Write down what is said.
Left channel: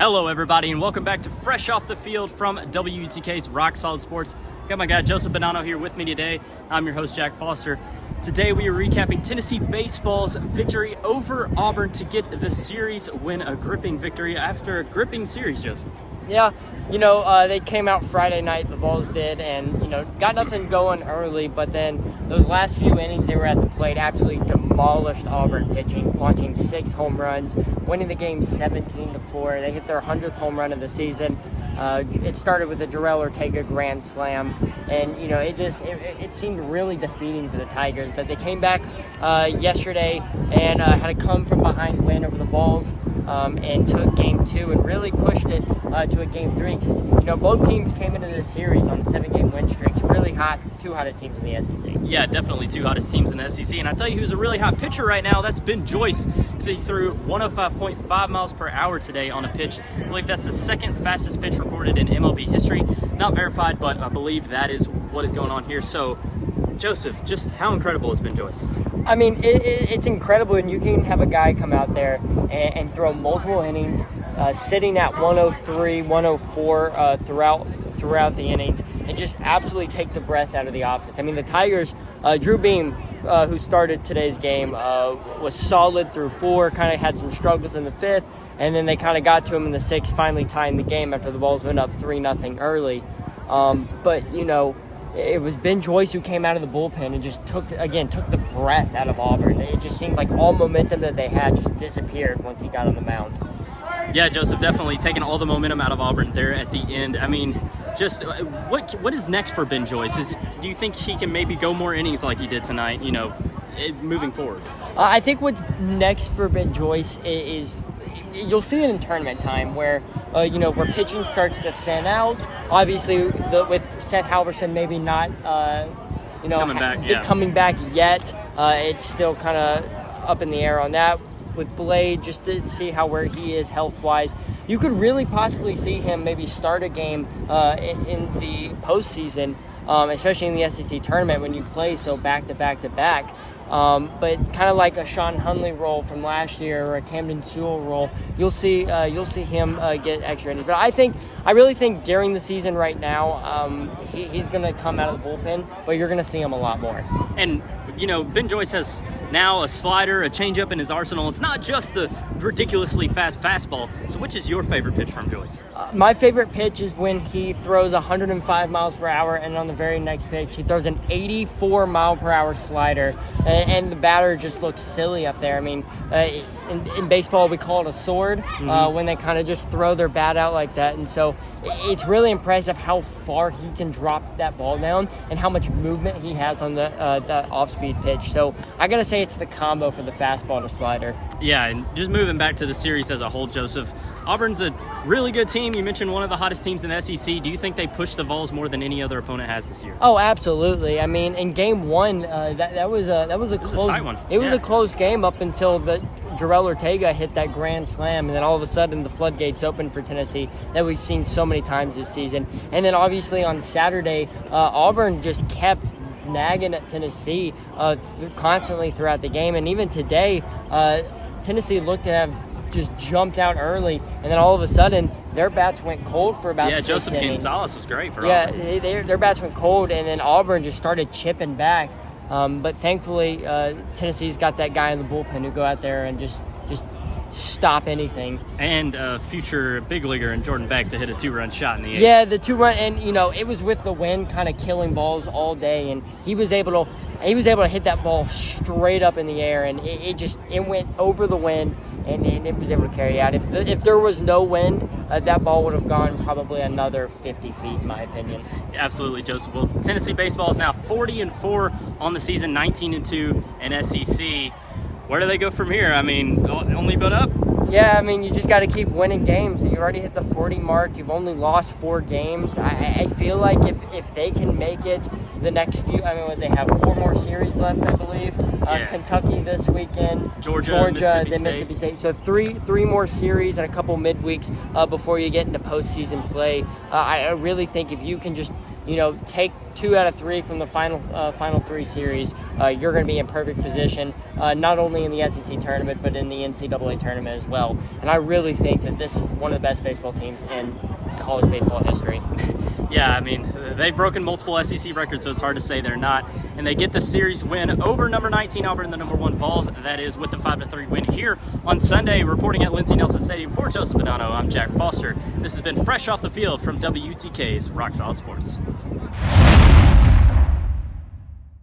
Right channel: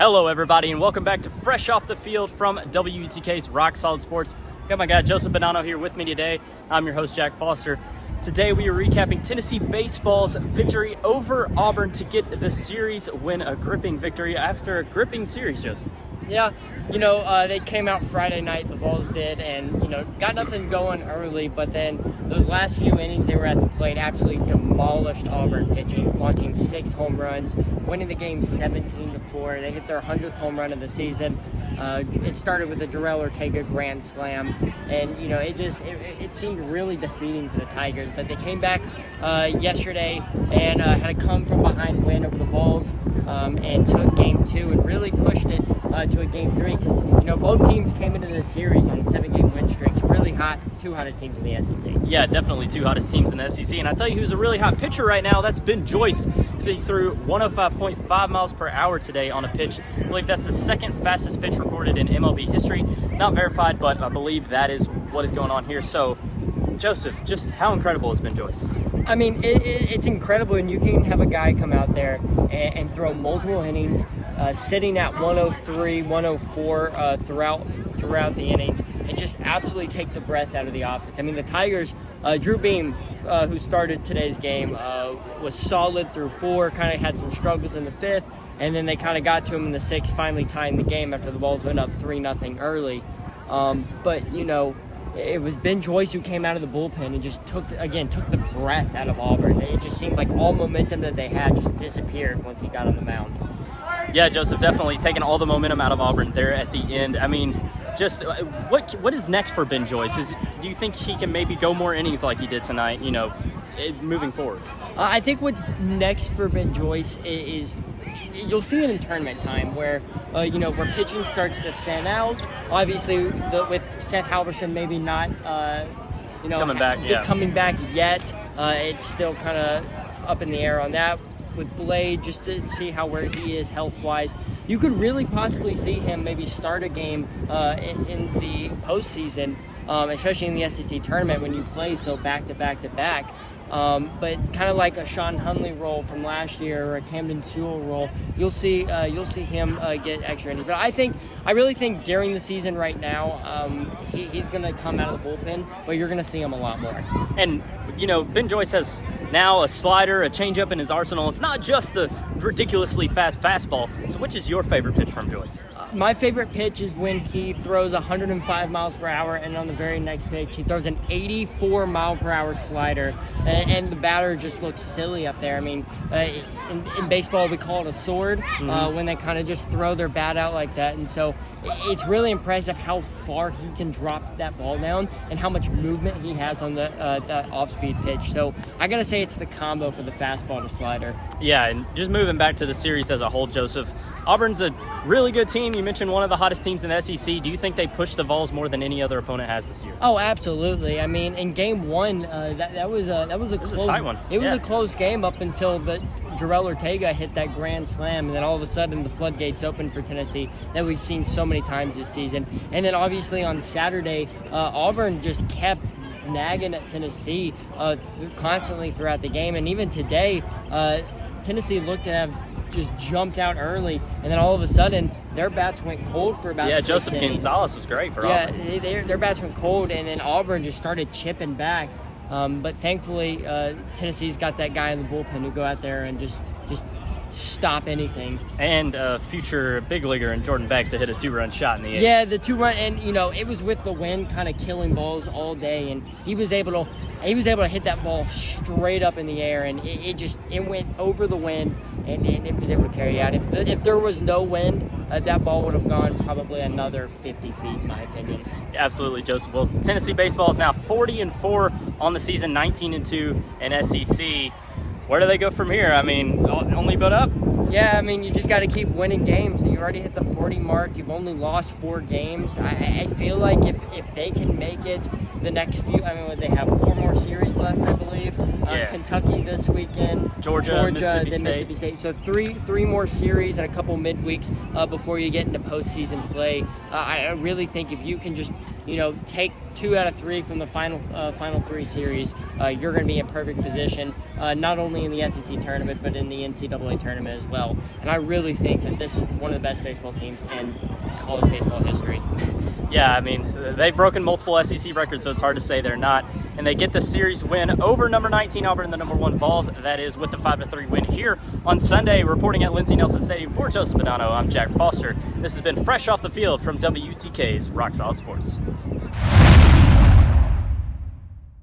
Hello, everybody, and welcome back to Fresh Off the Field from WUTK's Rock Solid Sports. Got my guy Joseph Bonanno here with me today. I'm your host, Jack Foster. Today we are recapping Tennessee baseball's victory over Auburn to get the series win, a gripping victory after a gripping series, Joseph. Yeah, they came out Friday night, the Vols did, and, got nothing going early, but then those last few innings they were at the plate absolutely demolished Auburn pitching, watching 6 home runs, winning the game 17-4. They hit their 100th home run of the season. It started with a Jarrell Ortega grand slam, and, it seemed really defeating for the Tigers, but they came back yesterday and had a come-from-behind win over the Vols and took Game 2 and really pushed it to a Game 3 because, both teams came into this series on 7-game win streaks. Really hot, 2 hottest teams in the SEC. Yeah, definitely 2 hottest teams in the SEC. And I'll tell you who's a really hot pitcher right now. That's Ben Joyce. So he threw 105.5 miles per hour today on a pitch. I believe that's the second fastest pitch recorded in MLB history. Not verified, but I believe that is what is going on here. So, Joseph, just how incredible has Ben Joyce? I mean, it's incredible, and you can have a guy come out there and throw multiple innings, sitting at 103, 104 throughout the innings, and just absolutely take the breath out of the offense. I mean, the Tigers, Drew Beam, who started today's game, was solid through 4, kind of had some struggles in the 5th, and then they kind of got to him in the 6th, finally tying the game after the Vols went up 3-0 early. But, it was Ben Joyce who came out of the bullpen and just took the breath out of Auburn. It just seemed like all momentum that they had just disappeared once he got on the mound. Yeah, Joseph, definitely taking all the momentum out of Auburn there at the end. I mean, just what is next for Ben Joyce? Do you think he can maybe go more innings like he did tonight, moving forward? I think what's next for Ben Joyce is you'll see it in tournament time where where pitching starts to thin out. Obviously, with Seth Halverson maybe not coming back yet. It's still kind of up in the air on that. With Blade, just to see where he is health-wise, you could really possibly see him maybe start a game in the postseason, especially in the SEC tournament when you play so back-to-back. But kind of like a Sean Hunley role from last year or a Camden Sewell role, you'll see him get extra innings. But I really think during the season right now, he's going to come out of the bullpen, but you're going to see him a lot more. And Ben Joyce has now a slider, a changeup in his arsenal. It's not just the ridiculously fast fastball. So which is your favorite pitch from Joyce? My favorite pitch is when he throws 105 miles per hour, and on the very next pitch, he throws an 84 mile per hour slider, and the batter just looks silly up there. I mean, in baseball, we call it a sword when they kind of just throw their bat out like that. And so it's really impressive how far he can drop that ball down and how much movement he has on the off-speed pitch. So I got to say it's the combo for the fastball to slider. Yeah, and just moving back to the series as a whole, Joseph, Auburn's a really good team. You mentioned one of the hottest teams in the SEC. Do you think they pushed the Vols more than any other opponent has this year? Oh, absolutely. I mean, in Game 1, that was a close, tight one. It was a close game up until the Jarrell Ortega hit that grand slam, and then all of a sudden the floodgates opened for Tennessee that we've seen so many times this season. And then obviously on Saturday, Auburn just kept nagging at Tennessee constantly throughout the game, and even today, Tennessee looked to have just jumped out early, and then all of a sudden their bats went cold for about 6 Joseph innings. Gonzalez was great for Auburn. Their bats went cold, and then Auburn just started chipping back. But thankfully, Tennessee's got that guy in the bullpen to go out there and just stop anything. And future big leaguer in Jordan Beck to hit a 2-run shot in the 8th. Yeah, the 2-run, and it was with the wind kind of killing balls all day, and he was able to hit that ball straight up in the air, and it went over the wind, and it was able to carry out. If there was no wind, that ball would have gone probably another 50 feet, in my opinion. Absolutely, Joseph. Well, Tennessee baseball is now 40-4 on the season, 19-2 in SEC. Where do they go from here? I mean, only build up? Yeah, I mean, you just got to keep winning games. You already hit the 40 mark. You've only lost 4 games. I feel like if they can make it the next few, they have 4 more series left, I believe. Kentucky this weekend. Georgia, Mississippi State. So three more series and a couple midweeks before you get into postseason play. I really think if you can just take 2 out of 3 from the final 3 series, you're going to be in perfect position, not only in the SEC tournament, but in the NCAA tournament as well. And I really think that this is one of the best baseball teams in college baseball history. Yeah, I mean, they've broken multiple SEC records, so it's hard to say they're not. And they get the series win over number 19 Auburn and the number 1 Vols. That is with the 5-3 win here on Sunday. Reporting at Lindsey Nelson Stadium for Joseph Bonanno, I'm Jack Foster. This has been Fresh Off the Field from WTK's Rock Solid Sports.